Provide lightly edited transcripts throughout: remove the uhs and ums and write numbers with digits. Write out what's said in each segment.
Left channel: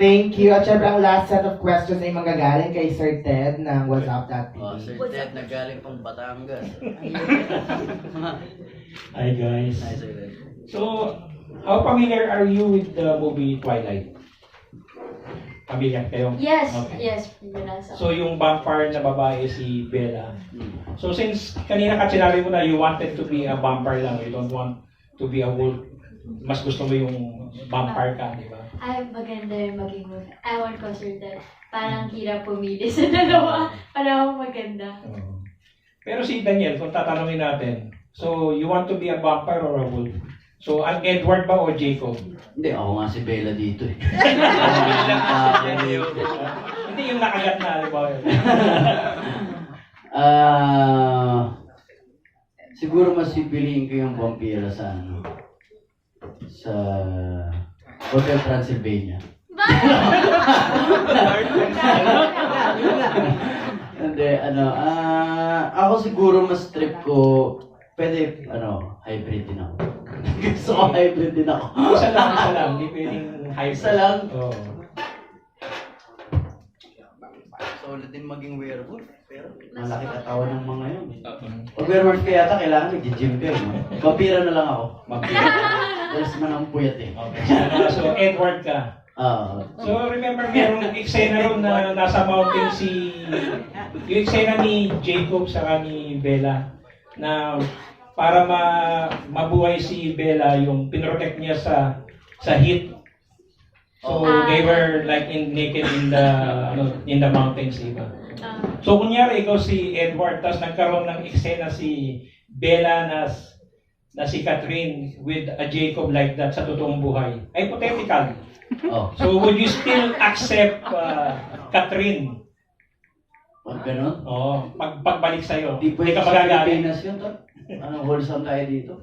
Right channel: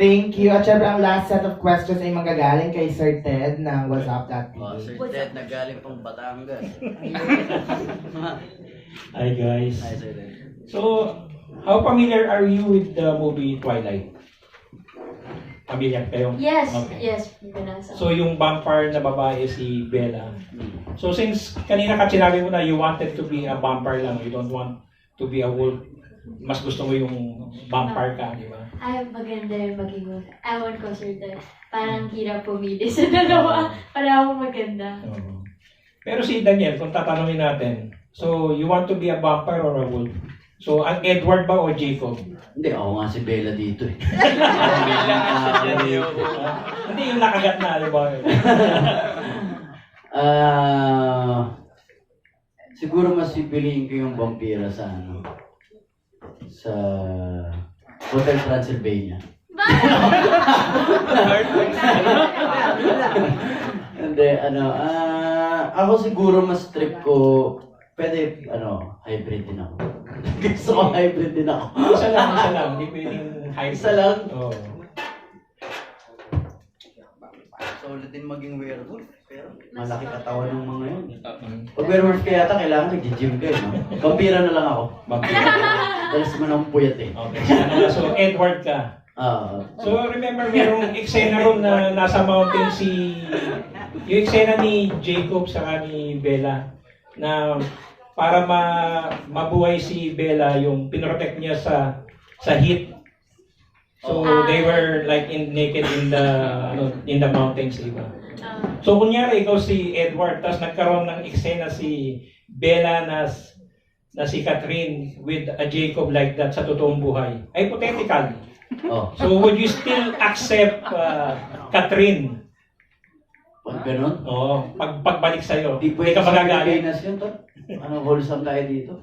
Thank you. At syempre, ang last set of questions ay magagaling kay Sir Ted ng What's Up That Oh, Sir Ted, nagaling pang Batangas. Hi guys. Hi, Sir Ted. So, how familiar are you with the movie Twilight? Familiar kayo? Yes, Okay. yes, binasa. So, yung vampire na babae si Bella. Hmm. So, since kanina ka sinabi mo na you wanted to be a vampire lang, you don't want to be a wolf, mas gusto mo yung vampire ka, di ba? Ay, maganda yung maging wolf. Ewan ko, Sir Ted. Parang hirap pumili sa dalawa. Para ako maganda. Pero si Daniel, kung tatanungin natin, so, you want to be a vampire or a wolf? So, ang Edward ba o Jacob? Hindi, ako nga si Bella dito eh. Hindi yung nakagat na, di ba? Siguro mas pipiliin ko yung vampira sa sa Hotel Transylvania. Hindi, ako siguro mas trip ko, pwede, hybrid din ako. Gusto ko hybrid din ako. Isa lang. Hindi pwedeng hybrid. Isa lang? Oo. So, ulit din maging werewolf, pero malaki katawan ng mga yun. Pag werewolf ka yata, kailangan nag-gym ka, no? Vampira na lang ako. Vampira. Dalas man ang puyat eh. Okay. So, Edward ka. So, remember, merong eksena ron na nasa mountain yung eksena ni Jacob sa ni Bella na para mabuhay si Bella, yung pinrotect niya sa heat. So, they were like naked in the mountains, diba? So, kunyari, ikaw si Edward, tapos nagkaroon ng eksena si Bella na si Catherine with a Jacob like that sa totoong buhay. Hypothetical. So, would you still accept Catherine? Pag ganun? Oo, pagbalik sa'yo. Di pwede ka sa magagalit. Pilipinas yun, to. Anong wholesome tayo dito?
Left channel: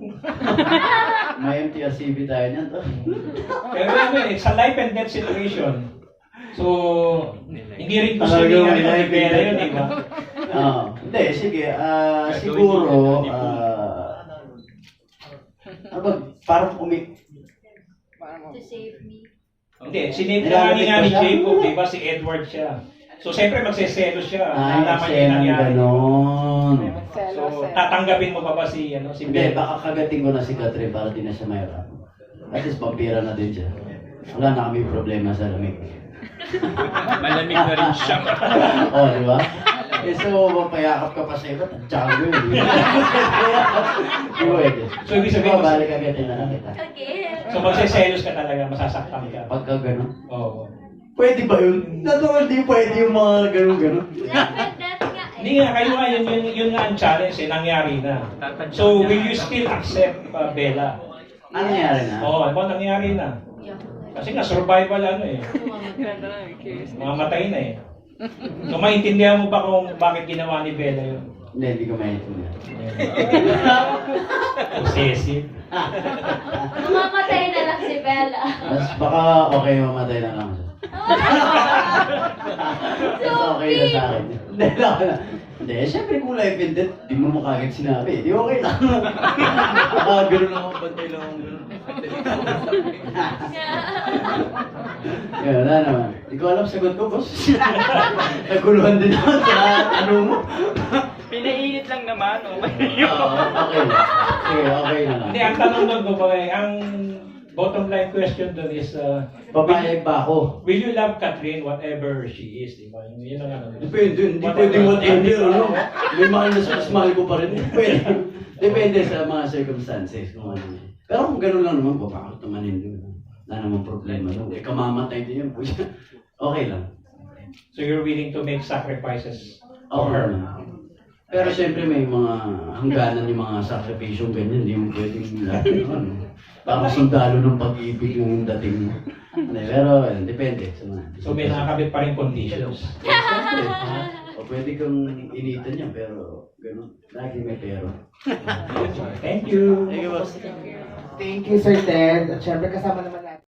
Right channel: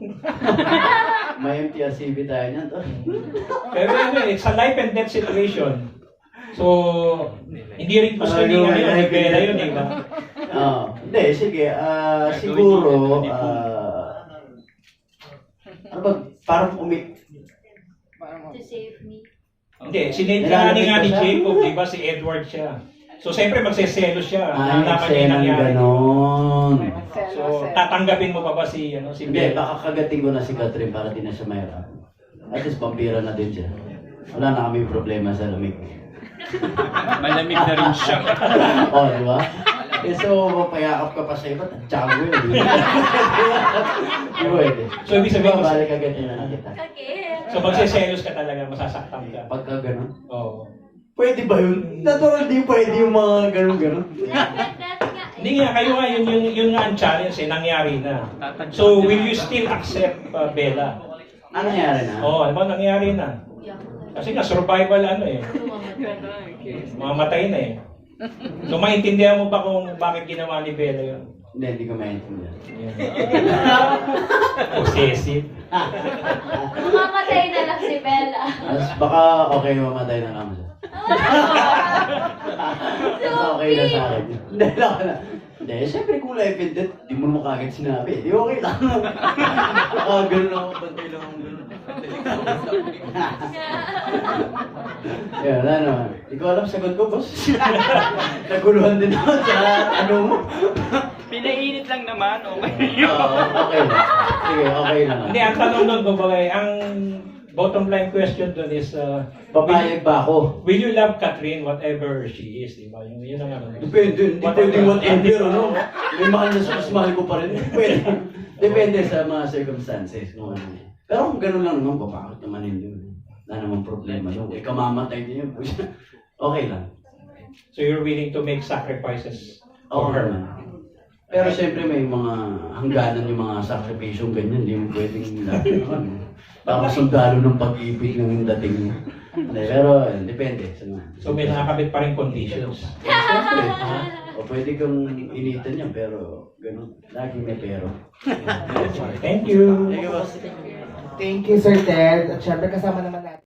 May MTRCB tayo niyan, to. Pero it's a life and death situation. So, hindi rin gusto Talagang niya may ni life and Bella death. yun, di ba? Hindi, sige. Siguro, parang To save me. Hindi, sinentranin nga ni Jacob, di ba? Si Edward siya. So, siyempre magseselos siya. Nalaman niya yung nangyari. ganon. So, tatanggapin mo pa ba si Hindi, Bella? baka kagating ko na si Catherine para di na siya mayroon. At least vampira na din siya. Wala na kami problema sa lamig. Malamig na rin siya. Di ba? So, mapayakap ka pa sa iba, tiyanggo yun. Di ba ito? So, ibig sabihin mo, balik agatin na lang kita. Okay. so magseselos ka talaga, masasaktan ka. Pagka ganon. Oo. Pwede ba yun? Natural di pwede yung mga ganon-ganon. Hindi nga, kayo nga, yun nga ang challenge nangyari na. So, will you still accept Bella? Ano nangyari na? Nangyari na. Kasi nga, survival Mamatay na eh. So, maintindihan mo ba kung bakit ginawa ni Bella yun? Hindi ko maintindihan. Possessive. Mamamatay na lang si Bella. Mas baka okay mamatay na lang siya. Okay na sa akin. Hindi lang. Hindi, syempre kung life and death, di mo makagad sinabi. Di okay lang. Gano'n ako, bantay lang ako gano'n. Yan, wala naman. Di ko alam sagot ko, boss. Naguluhan din ako sa mo. Pinainit lang naman, okay. Okay lang. Sige, okay na lang. Hindi, ang tanong doon, ang bottom line question doon is, Papayag ba ako? will you love Catherine whatever she is, di ba? Yun ang ano. Depende, hindi pwede whatever, ano? May mahal na siya, mas mahal ko pa rin. Depende. Depende sa mga circumstances kung ano. Pero kung gano'n lang naman, papakot naman hindi. Wala namang problema. No? Ikaw mamatay din yun po siya. Okay lang. So you're willing to make sacrifices Oo for her? naman. Pero syempre may mga hangganan yung mga sakripisyong ganyan. Hindi mo pwedeng lahat naman. Parang sundalo ng pag-ibig ng dating. Pero depende sa mga. So may nakakabit pa rin conditions. Siyempre. O pwede kang initan niya pero gano'n. Lagi may pero. Thank you. Thank you, boss. Thank you, Sir Ted. At syempre kasama naman natin.